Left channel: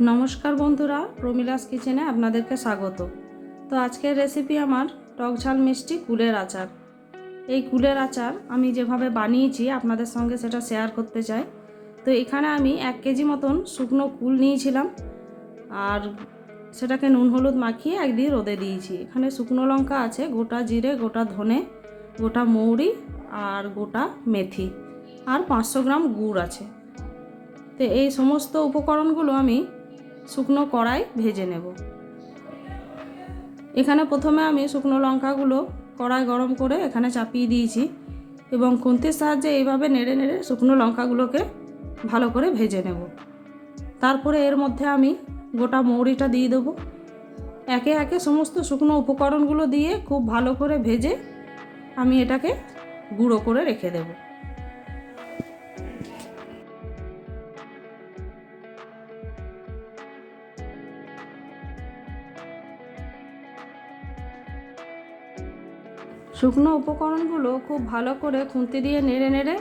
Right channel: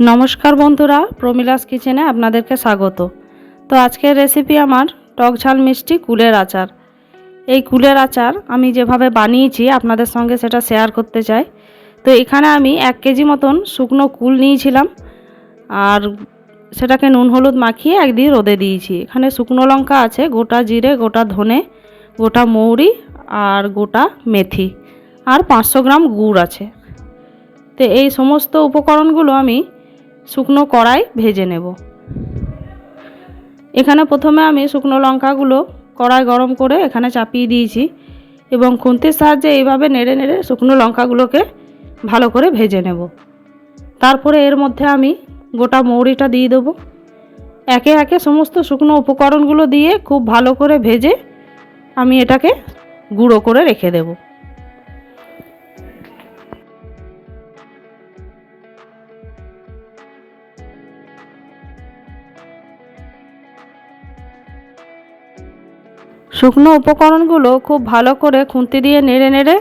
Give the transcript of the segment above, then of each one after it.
নমস্কার বন্ধুরা, প্রমিলাস কিচেনে আপনাদেরকে স্বাগত। তো আজকের রেসিপি আমার টক ঝাল মিষ্টি কুলের আচার। এই কুলের আচার আমি যেভাবে বানিয়েছি, আপনাদের সঙ্গে সেটা শেয়ার করতে চাই। তো এখানে আমি এক কেজি মতন শুকনো কুল নিয়েছিলাম, আর সেটাকে নুন হলুদ মাখিয়ে একদিন রোদে দিয়েছি। এখানে শুকনো লঙ্কা আছে, গোটা জিরে, গোটা ধনে, গোটা মৌরি, আর গোটা মেথি, আর পাঁচশো গ্রাম গুড় আছে। তো এই সমস্ত উপকরণগুলো আমি শুকনো কড়াই ভেজে নেব। এখানে প্রথমে আমি শুকনো লঙ্কাগুলো কড়াই গরম করে এখানে চাপিয়ে দিয়েছি এবং খুন্তির সাহায্যে এইভাবে নেড়ে নেড়ে শুকনো লঙ্কাগুলোকে ভালো করে ভেজে নেব। তারপরে এর মধ্যে আমি গোটা মৌরিটা দিয়ে দেবো। একে একে সমস্ত শুকনো উপকরণগুলো দিয়ে খুব ভালো করে ভেজে আমি এটাকে গুঁড়ো করে রেখে দেবো। শুকনো উপকরণগুলো খুব ভালো করে খুন্তি দিয়ে নেড়ে নেড়ে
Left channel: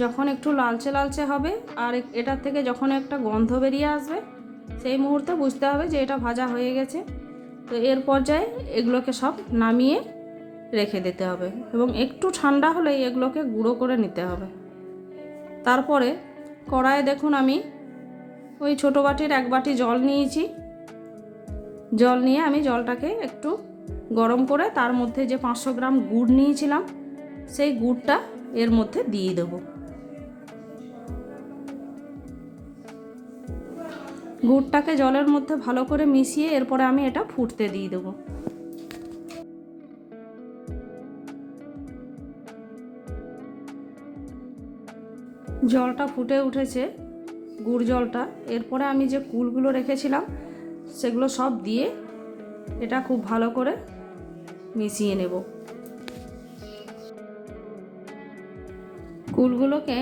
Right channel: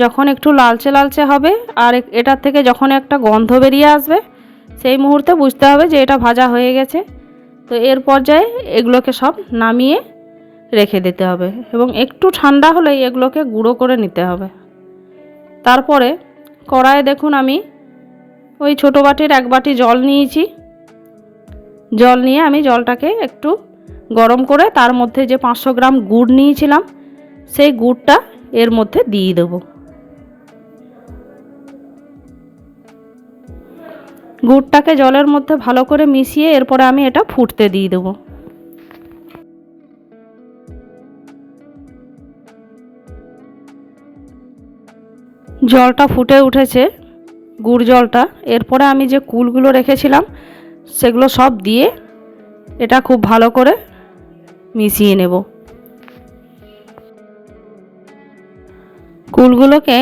যখন একটু লালচে লালচে হবে আর এটার থেকে যখন একটা গন্ধ বেরিয়ে আসবে, সেই মুহূর্তে বুঝতে হবে যে এটা ভাজা হয়ে গেছে। তো এর পর্যায়ে এগুলোকে সব নামিয়ে রেখে দিতে হবে এবং একটু ঠান্ডা হলেই এগুলোকে গুঁড়ো করে নিতে হবে। তারপরে কড়াইয়ে দেখুন আমি ওই ছোটো বাটির এক বাটি জল নিয়েছি। জল নিয়ে আমি জলটাকে একটু গরম করে তার মধ্যে যে পাঁচশো গ্রাম গুড় নিয়েছিলাম, সেই গুড়টা এর মধ্যে দিয়ে দেবো। গুড়টাকে জলের মধ্যে ভালো করে মিশিয়ে এরপরে আমি এটা ফুটতে দিয়ে দেবো। জলটা ফুটে উঠেছে, গুড় জলটা। এরপরে আমি যে কুলগুলো রেখেছিলাম, সেগুলো সব দিয়ে এটা খুব ভালো করে মিশিয়ে নেব। কুলগুলোকে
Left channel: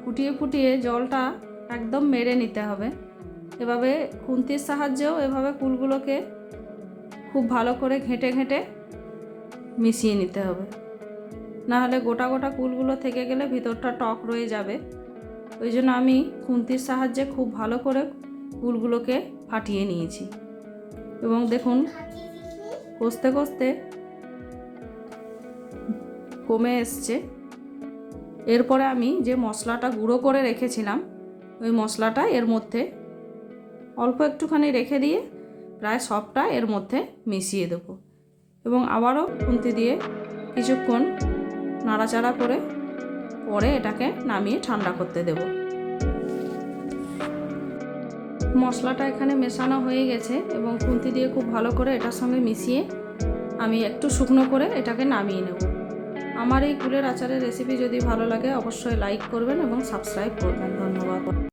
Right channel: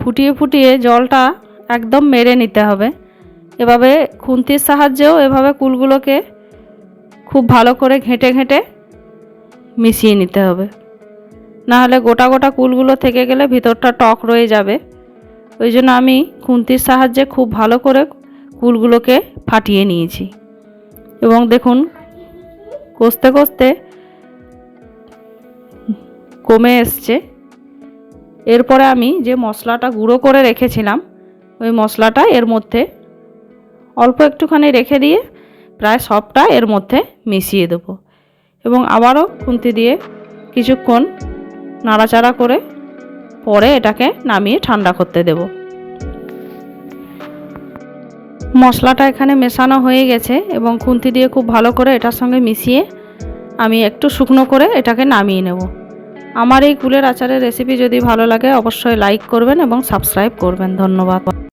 ফুটিয়ে ফুটিয়ে জলটা একদম মেরে নিতে হবে। এভাবে খুন্তির সাহায্যেও এভাবে কুলগুলোকে খুব ভালো করে ঘেঁটে ঘেঁটে মিশিয়ে নিতে হবে। নাহলে গোটা গোটা কুলগুলো থেকে গেলে ভিতরটা টক রয়ে যাবে। ওই জন্য আমি খুন্তির সাহায্যে খুব ভালো করে কুলগুলোকে ফাটিয়ে নিয়েছি। এবং দেখুন, কষতে কষতে কমে এসছে। এরপরে আমি যে মশলাটা গুঁড়ো করে রেখেছিলাম, ওই মশলাটা এর মধ্যে অল্প একটুখানি রেখে দিয়ে প্রায় সবটা এর মধ্যে মিশিয়ে দেবো এবং আবারও খুন্তি দিয়ে কিছুক্ষণ নাড়াচাড়া করে পরে এটাকে নামিয়ে ঠান্ডা করতে দেব। মশলাটা এখানে মেশানো হয়ে গেছে এবং খুন্তি দিয়ে খুব ভালো করে এটার সঙ্গে মিশিয়ে আমি একটু শুকনো করে এটাকে নামিয়ে নেব। আমার এই কুলের আচারের রেসিপি যদি ভালো লাগে, অবশ্যই লাইক করবেন এবং সাবস্ক্রাইব করবেন। ধন্যবাদ।